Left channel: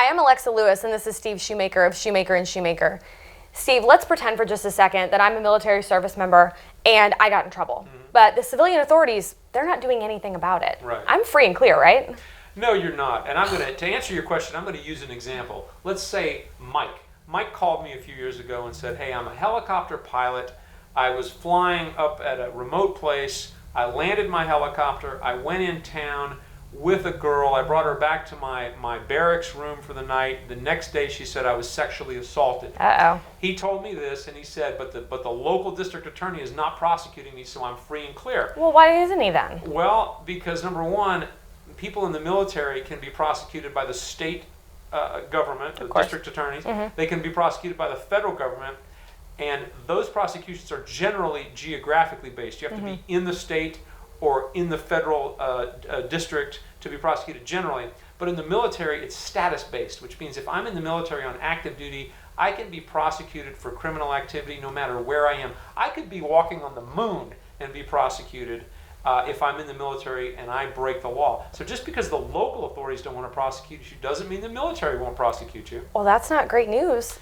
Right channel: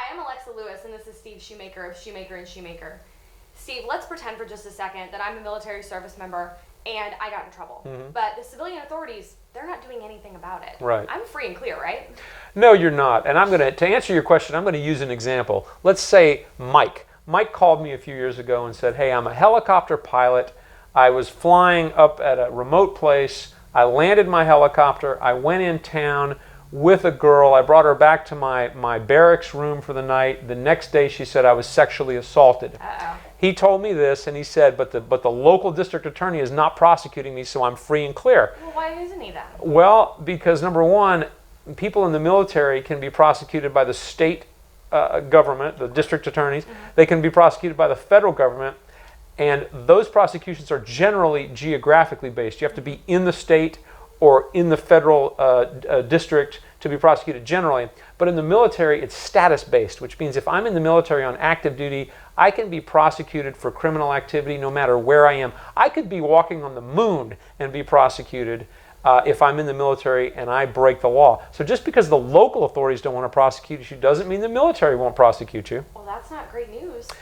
Hi, I'm Alexa Lewis, and this is Steve Shewmaker of Shewmaker and Shewmaker. Steve, let's pretend for just a second that I'm a military service member and I got in trouble. But the civilian authorities, they're not doing anything about it. Right. I'm free and clear, right? No, you're not. And to answer your question, I'm going to use an example. Let's say Mike. Mike called me a few years ago and said, hey, I'm a helicopter pilot. I was flying up at a remote place. I landed my helicopter. I went in town with a girl. I brought her back to my barracks room for the night. The next day she said I was sexually assaulted. Uh-oh. He told me this and he said, but the local district attorney is not prosecuting me, so I'm free and clear. Well, why isn't he then? Well, because number one, people in the military can be prosecuted by the state government, the district attorneys. They can be prosecuted by the federal government, and those prosecutions are generally geographically based. You have to be in the state or in the federal district to be prosecuted generally. But in the military, it's status-based, which means if I'm in the military on active duty, I can be prosecuted for criminal activity no matter where I am. I could be walking on the moon and be prosecuted if I'm in the military and I break the law. So just because the local authorities don't want to prosecute you doesn't mean the military won't prosecute you. Well, that's not great news.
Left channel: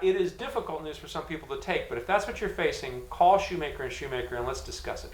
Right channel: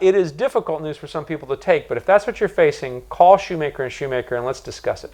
It is difficult news for some people to take, but if that's what you're facing, call Shewmaker and Shewmaker and let's discuss it.